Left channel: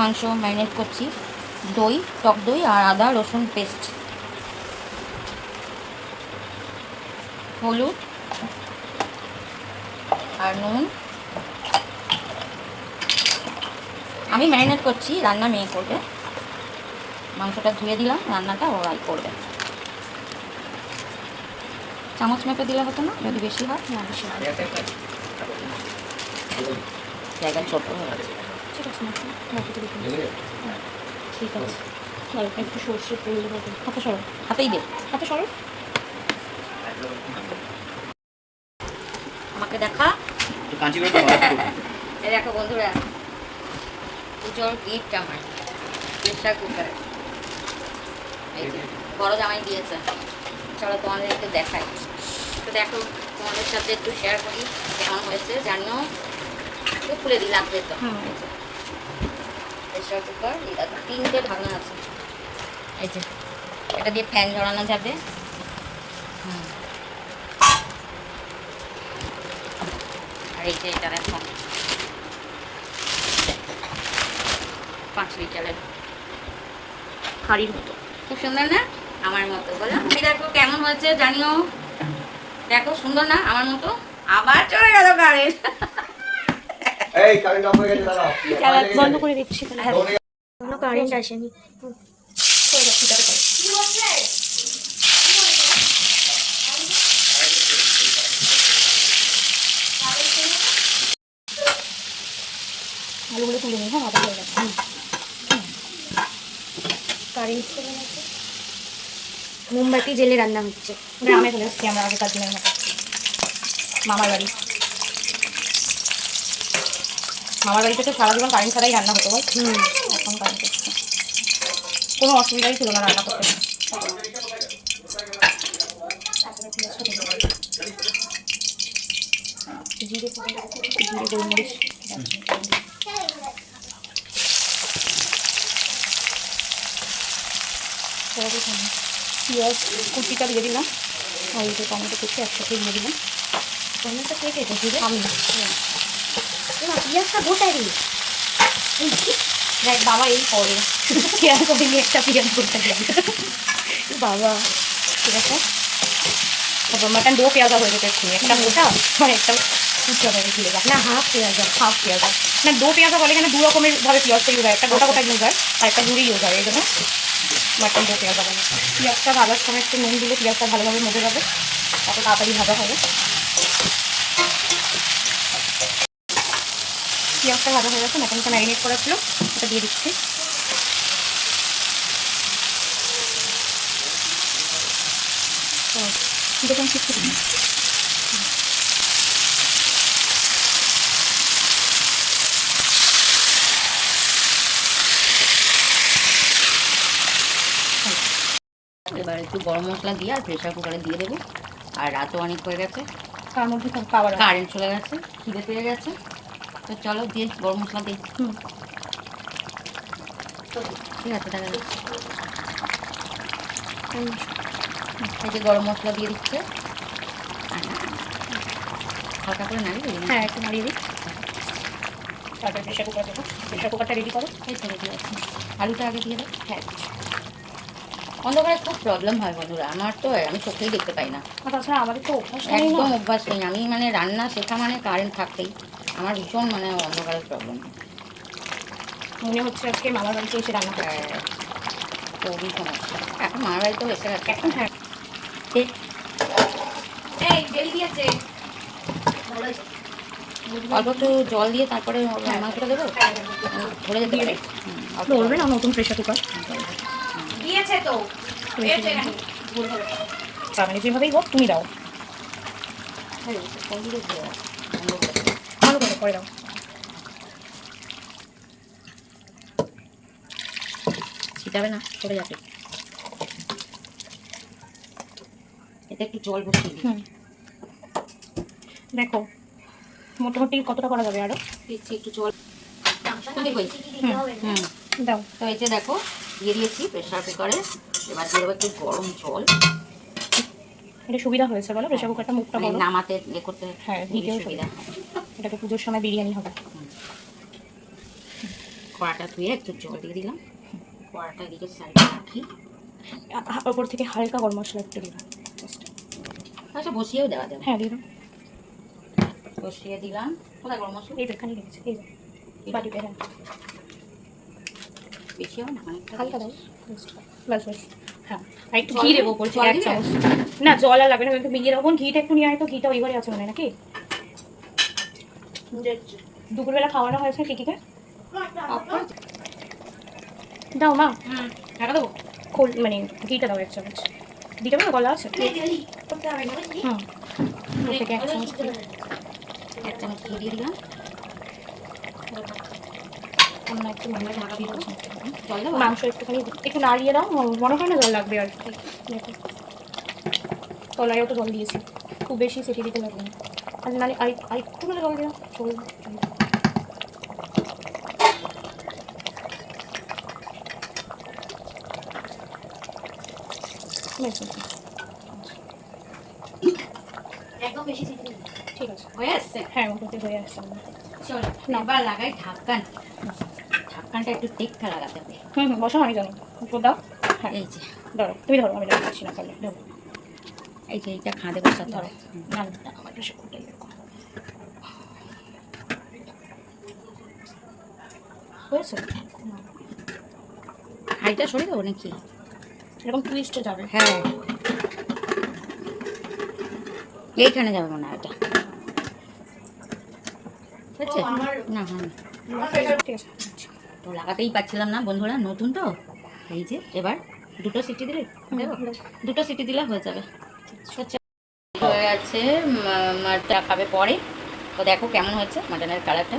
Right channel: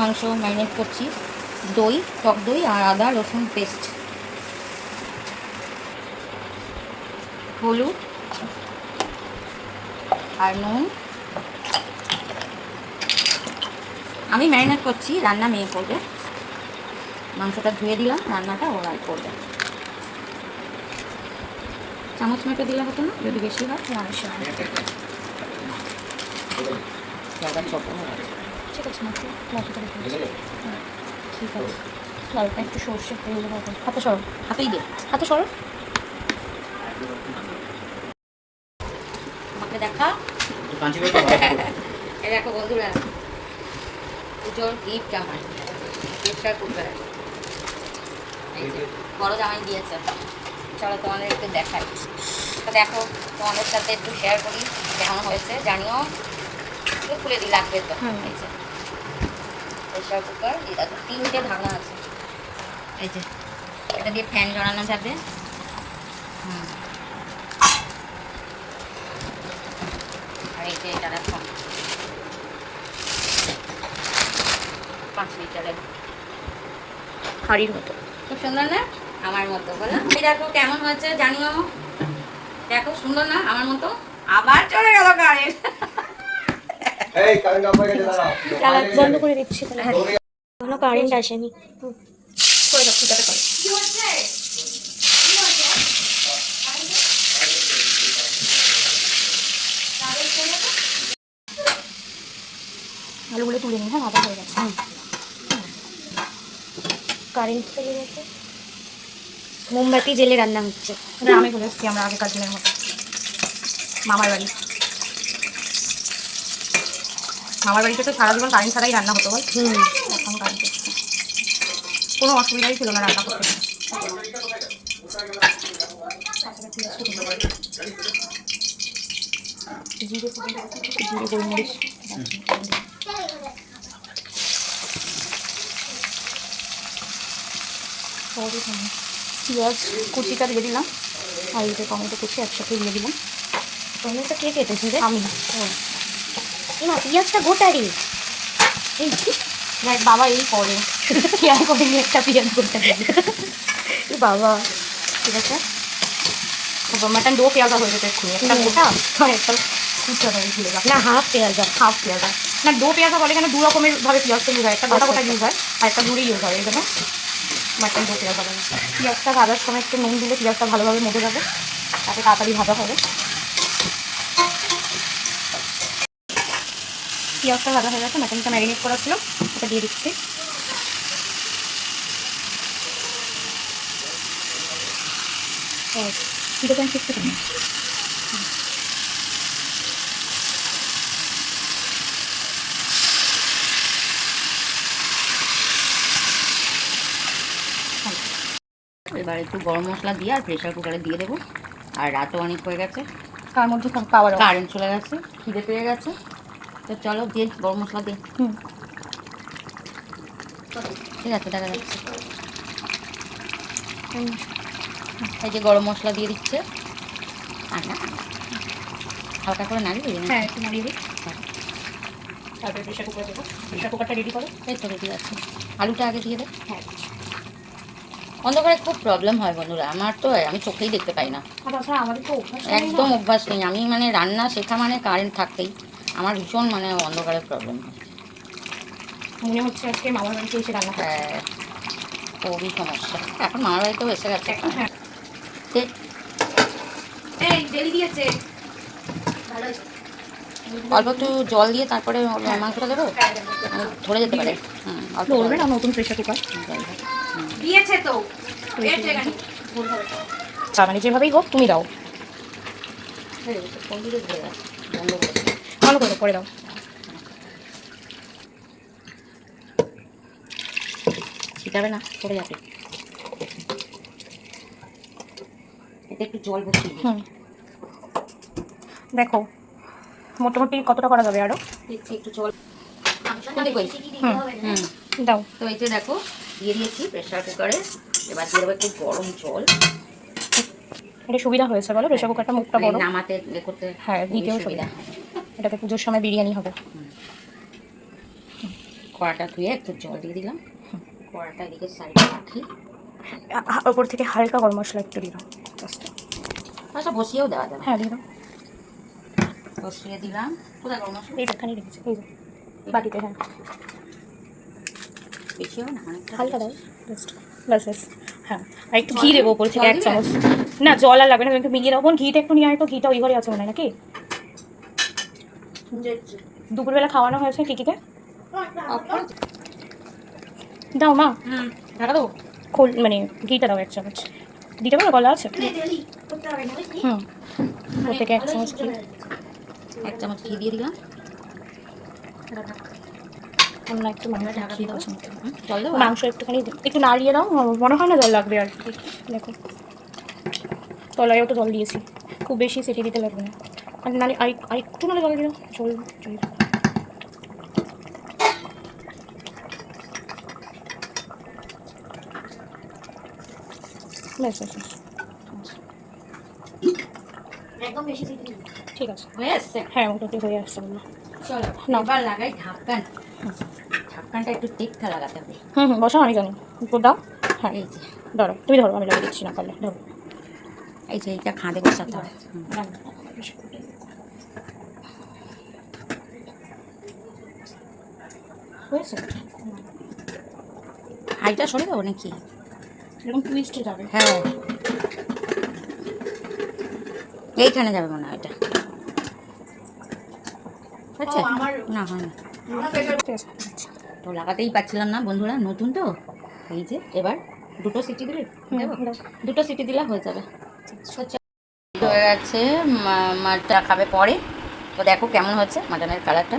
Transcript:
মাংস ম্যারিনেট করছি। দই, টক দই আর আদা রসুন পেস্ট, হলুদ আর নুন। আমি ম্যারিনেট করছি, রান্না মেয়ে করবে। মাংসটা ধুয়ে দিলাম, রান্নাটা ওরাই করবে। চামচ মেপে দিলে হতো না যদি বেশি হয়? না বেশি হয়, জায়গা ছোটো হয়ে আছে। ঠিক আছে, ঠিক আছে। অল্প একটু সর্ষে তেল হবে। হাতে সরো, হাতেই দে, হাতে সরো। আমাকে দেখা। এই দেখো বন্ধুরা, পুজোর গিফট আমার প্রেসার কুকার। এই যে বড় জামাই দিয়েছে। চলো তোমাদের একটু দেখাই। তো দেখো, তোমাদের সাথে একটু শেয়ার করি কেমন হয়েছে, জানিও। একটু খুলে দিই, লাগবে তো। এই যে প্রেসার কুকার, এই দেখো 3টে ঢাকনা আছে। এই যে এটা দিয়ে ফ্যান ঝরানো যাবে। আর এই যে এটা দেখো 5 লিটারের হাড়ির মতো, খুব সুন্দর না? আমার মতো বলো। এই দেখো কেমন হয়েছে জানিও। দেখো সুন্দর না আমার মতো? আবার চলে গেল কারেন্ট। এই কারেন্ট অফ হয়ে গেছে, দাঁড়াও। বন্ধ করে দিচ্ছি তাহলে। হ্যাঁ, কোনো কারেন্ট আসেনি। করে দাও, ঠিকঠাক করে। আলুগুলো তুলে নিই। হ্যাঁ, ভালো হয়ে গেছে। কারেন্ট চলে গেছে। মোমবাতি জেলে রান্না হচ্ছে। গ্রামে চলে এসেছি আমরা আগেকার দিনের মতো। মামার বাড়ি। মামার বাড়িতে তো সারা জীবন কারেন্ট ছাড়াই রান্না হতো বল। এখন কারেন্ট এসছে, কোনো অসুবিধাই ছিল না রান্না করতে। জিরে গোলমরিচ পেঁয়াজ কুচিটা দিয়ে দিলাম, আর এই যে টমেটো কুচি একসাথে দিয়ে দিলাম। টমেটো কে কেটেছি রে? আমি। পেঁয়াজটা গোটারি দেখ বাবা, এই করে খেয়াল করিনি একটা পেঁয়াজ গোটা দিয়ে। বাবা ঠিক আছে। মাটন 2 পেঁয়াজা হয়ে যেতে এক্ষুনি, একটা গোটা আর একটা কুচি হবে। ভুলে যাক না, হাফ পেঁয়াজা না, 2 পেঁয়াজা বলে এখানে 2 রকমের ভাবে পেঁয়াজ তো ইউজ হয়। একটা গোটা গোটা ইউজ হয় আর একটা ঝুড়ি ইউজ হয়। এই জন্য মাটন 2 পেঁয়াজা বলে। পেঁয়াজটা ভাজার সময় একটু নুন দিলে পেঁয়াজটা ভালোভাবে মজে যাবে, তাতে তাড়াতাড়ি ভাজা হবে। পেঁয়াজটা ভাজা হয়ে গেছে, মটনটা ম্যারিনেট করা ছিল, এটা দিয়ে দিচ্ছি। দোকান শিখতে পারি। এবার একটু গরম মশলা দিয়ে আর প্রেসার কুকারে দিয়ে দেবো। আর রাতও অনেক হয়ে গেছে, তার মধ্যে কারেন্ট চলে গেছে, খিদে পেয়ে গেছে। তো চলো দিয়ে গরম মশলা দিই। ঠিক আছে, দেখা যাচ্ছে। এই যে গরম মশলা দিয়ে দিচ্ছে, হালকা করে নাড়িয়ে দিই। হ্যাঁ, একটু নাড়িয়ে দিই। তারপরে প্রেসার কুকার দেবো। প্রেসার কুকারটা রেডি করো। এই তো রেডি আছে। আলুটা আগে দিয়ে দেয়। হ্যাঁ, অন্ধকারে খুব প্রবলেম হয় বন্ধুরা, আমার তো আমি চোখেই দেখতে পাই না। আমাদের তো একদম অভ্যাস নেই। আমি মানে রান্না শেখা মানে কারেন্ট থাকতেই আমার ভীষণ মানে অন্ধকারে প্রবলেম হয়। মনে হচ্ছে আজকে মামার বাড়িতে এসে রান্না করছে। হ্যাঁ, খুবই সমস্যা। এখন মামার বাড়িতেও এসে গেছে। এখন হ্যাঁ, এই ডেলি দিয়েছে। অল্প একটু জল দিয়ে তারপরে মাংসটা দেবো, ধরে যেতে পারে। ধরবে না, নতুন প্রেসার কুকার দিয়েছে তো। মানে যেভাবেই হোক তুমি দাও। ভালো করে দাও। ছিটাবে না, পড়ে যাবে। এতে একটু জল বসিয়ে দেখো মোটামুটি কতটা করা যাবে। আরো একটু জল দাও। তো এই যে দেখো দিয়ে দিয়েছি প্রেসার কুকারে। এবার দিয়ে দেবো একটু গরম জল। এটা সুবিধা হয়েছে বলো, প্রেসার কুকারটা মুখটা বড়, নামাতে ইয়ে করতে। হ্যাঁ, দিতেও সুবিধা। এটাকে পুজোর সময় বিরিয়ানি হবে। কড়াটা ধুয়ে একটু জল দিয়ে দিলাম, কড়াটা এদিকে সাইডে রাখি। ওপর থেকে হালকা গরম মশলা একটু দিলাম, আচ্ছা বসিয়েও দেওয়া যাবে। হ্যাঁ দিলাম। বসিয়ে দিলাম। কোথায় গরম মশলা? এই যেখানে রেখেছি, এই যে বাটিতে। হ্যাঁ বেশি হবে না, অনেকটা হালকা দাও জাস্ট, ব্যাস। হ্যাঁ আর একটু জল ঘি দিবে? দেবো ওপর থেকে জল 1 দিবে? চামচ। না জল আর লাগবে না, একটু মিলিয়ে রাখবো। ঘিটা একটু নিয়ে আয় তো, ঘিটা ওই ঘরে আছে মনে হয় নাকি? দুপুরবেলা খাওয়ানো হয়েছে টিকিকে? দাও মা। টাকা দেবো? খোল মানে ঘিটা দাও 1 চামচ। দিতে পারো, গলা আছে? হুম, ওর থেকে 1 চামচ ঘি। 1 চামচ ঘি দিয়ে দিলাম। না একটু লম্বা ঢাকা দিয়ে দাও। জল দেবো? মাংস একটুখানি একটু নাড়িয়ে দাও, মনে হয় না জল লাগবে আর কি। দেখো তলায়ও তো জল দিয়েছি, খুব বেশি সেটি দিতে লাগবে না। আর নালে আরেকটু নালে জল দিয়ে দাও, জল জল। ব্যাস, ব্যাস, ব্যাস। একদম বেশি সিটি দিবি? ঠিক আছে। হয়ে আসছে? হ্যাঁ মোটামুটি হয়ে আসছে আমার। চলো এবার লাগাই ঢাক্কান। ঢাক্কানটা একটু টেক্কা লাগাতে হবে। বসো, আমি জানি। উপর দাও। হ্যাঁ এই যে ধরো, তুমি ধরো, আমি লাগিয়ে দিচ্ছি না পারলে। ধরো এই যে এইটা খাঁদে বসাতে হবে। হয়েছে? হাইটা সরে দেবো নাকি? এরকম টুইস্টে যাবে। হ্যাঁ এইখানে যাবে মনে হয় এটা। হচ্ছে না, হয় না। ঠিক আছে। আচ্ছা তো লাগাতেই পারছিলাম না বন্ধুরা, নতুন তো। এই যে এবার 2টো সিটি দিলে দেবো? 2টো সিটি দিলে হয়ে যাবে। হয়ে গেছে, মাছটা খাবে পরে। তো দেখো কেমন হচ্ছে মাটনের কালারটা।